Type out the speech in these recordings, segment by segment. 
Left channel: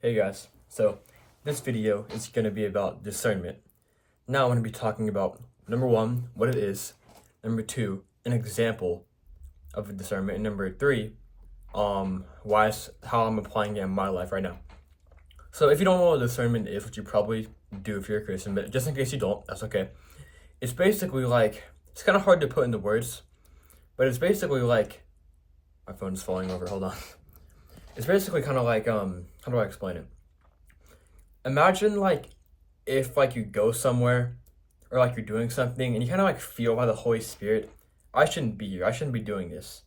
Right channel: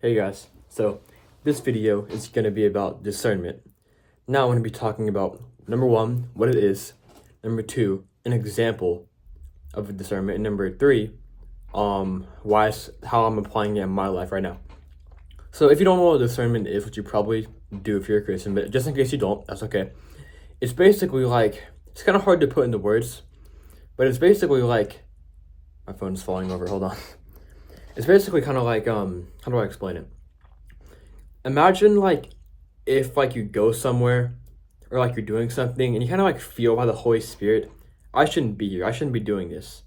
Hey guys, so this video is going to be about discernment. Now I'm going to be talking about number one, what it is, number two, an example of a discernment, and number three, how I'm applying it in my life right now. So if you don't know what discernment is, which you probably do if you're a Christian, but just in case you don't, that's okay. It's basically like, it's kind of hard to put into words, but it's basically like, my phone's falling over, hold on. It's basically kind of like, how do I explain it? Imagine like if like you go somewhere or like you're doing something and you kind of like feel by the Holy Spirit, I shouldn't be here. I shouldn't be doing this.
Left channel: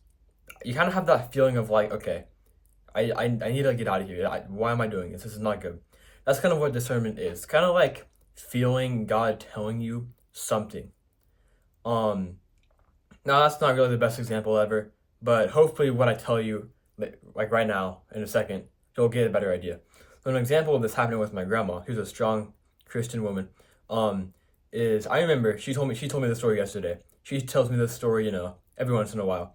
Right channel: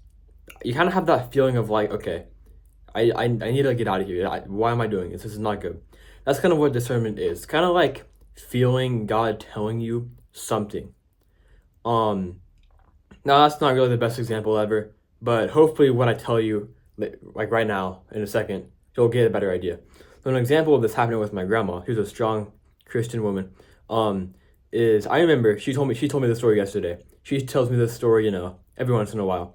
You kind of have that feeling of like, okay, I need to get out of here. Why am I doing this? This is not good. That's kind of what discernment is. Kind of like feeling God telling you something. Now that's not really the best example ever, but hopefully what I tell you like right now in a second, you'll get a better idea. So an example of this happening with my grandma, who's a strong Christian woman, is I remember she told me the story yesterday. She tells me this story, every once in a while.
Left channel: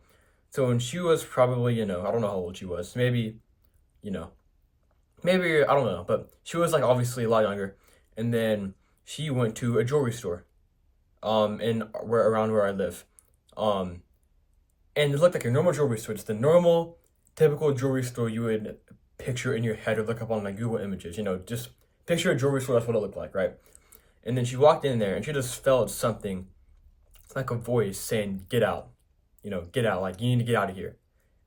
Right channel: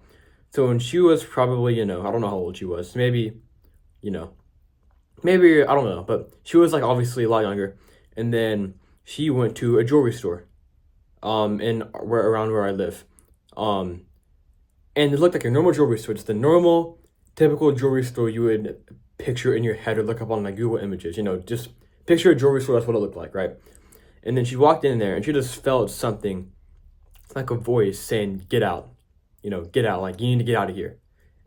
So when she was probably, I don't know how old she was, maybe I don't know, but she was like obviously a lot younger. And then she went to a jewelry store, around where I live, and it looked like a normal jewelry store, just a normal, typical jewelry store you would picture in your head or look up on like Google Images. Just picture a jewelry store. That's what it looked like, right? And then she walked in there and she just felt something, like a voice saying, "Get out, get out. Like you need to get out of here."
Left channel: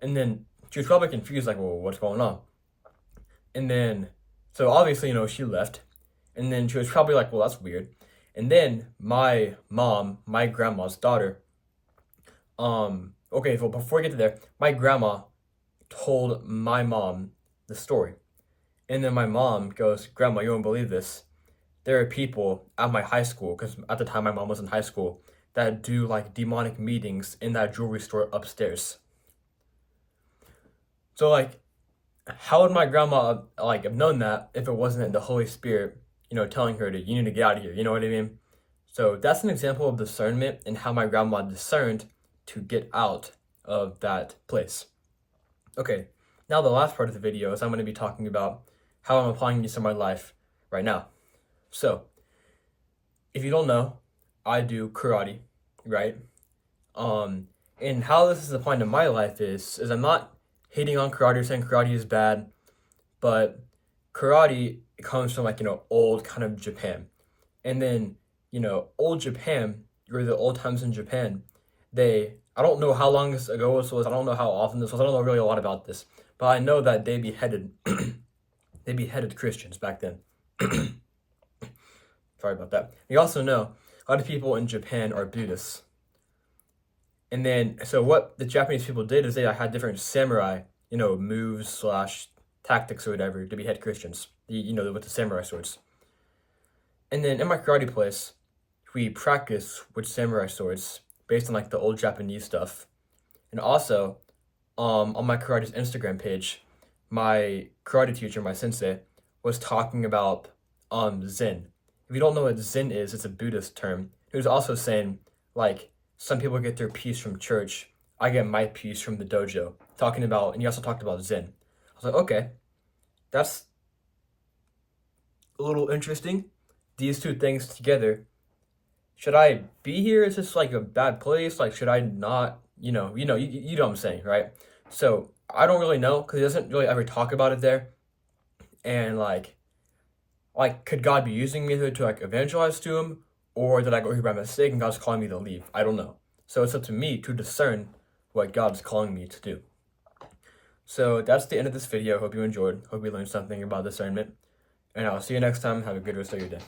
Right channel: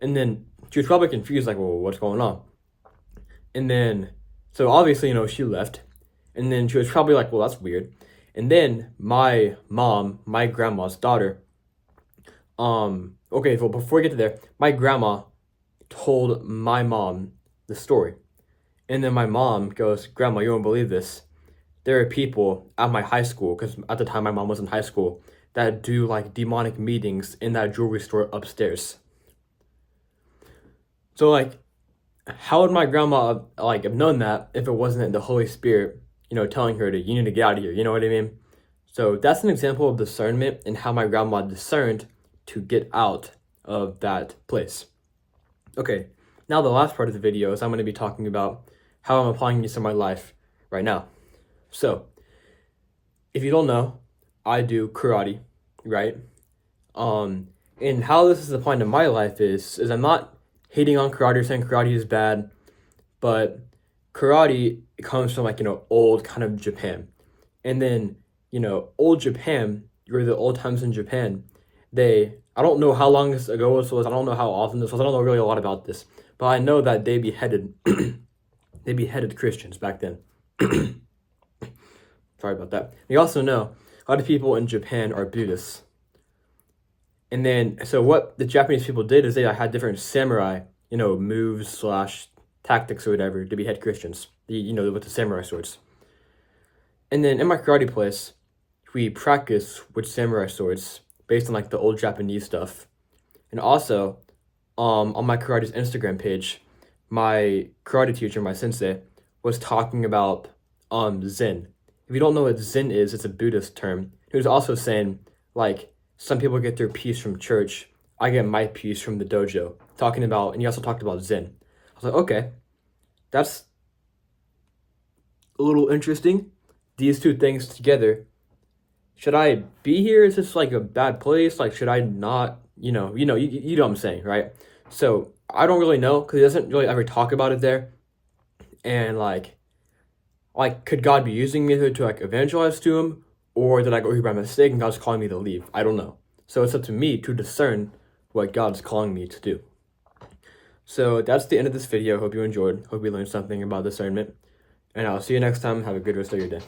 And then she was probably confused, like, "Well, what's going on?" And then, so obviously, she left. And then she was probably like, "Well, that's weird." And then my mom, my grandma's daughter, okay, well, before we get to there, my grandma told my mom the story. And then my mom goes, "Grandma, you won't believe this. There are people at my high school," because at the time my mom was in high school, "that do like demonic meetings in that jewelry store upstairs." So like, how would my grandma like have known that if it wasn't the Holy Spirit, telling her you need to get out of here, you know what I mean? So that's an example of discernment and how my grandma discerned to get out of that place. Okay, now the last part of the video is I'm going to be talking about how I'm applying this in my life right now. So, if you don't know, I do karate, right? And how this is applying to my life is I'm not hating on karate or saying karate is bad, but karate comes from like, old kind of Japan. And then, old Japan, or the old times in Japan, I don't know how long ago this was, I don't know how often this was, I don't know really a lot about this, but I know that they beheaded, they beheaded Christians back then. Sorry about that. We also know a lot of people in Japan are Buddhists. And then, so what the Japanese people did is they had different samurai, moves / tactics or whatever to behead Christians, with the samurai swords. And then in my karate place, we practice with samurai swords based on like the old Japanese stuff. And also, on my karate's Instagram page, my karate teacher, my sensei, was talking about Zen. If you don't know what Zen is, it's a Buddhist term. He was also saying, like, some people get their peace from church. I get my peace from the dojo. And he also talked about Zen. I was like, okay, that's a little interesting. These two things together. Should I be here? Is this like a bad place? Like, should I not? You know what I'm saying, right? So I don't really know because he doesn't really ever talk about it there. And like, could God be using me to like evangelize to him? Or did I go here by mistake and God's calling me to leave? I don't know. So it's up to me to discern what God's calling me to do. So that's the end of this video. Hope you enjoyed. Hope you learned something about discernment. And I'll see you next time. Have a good rest of your day.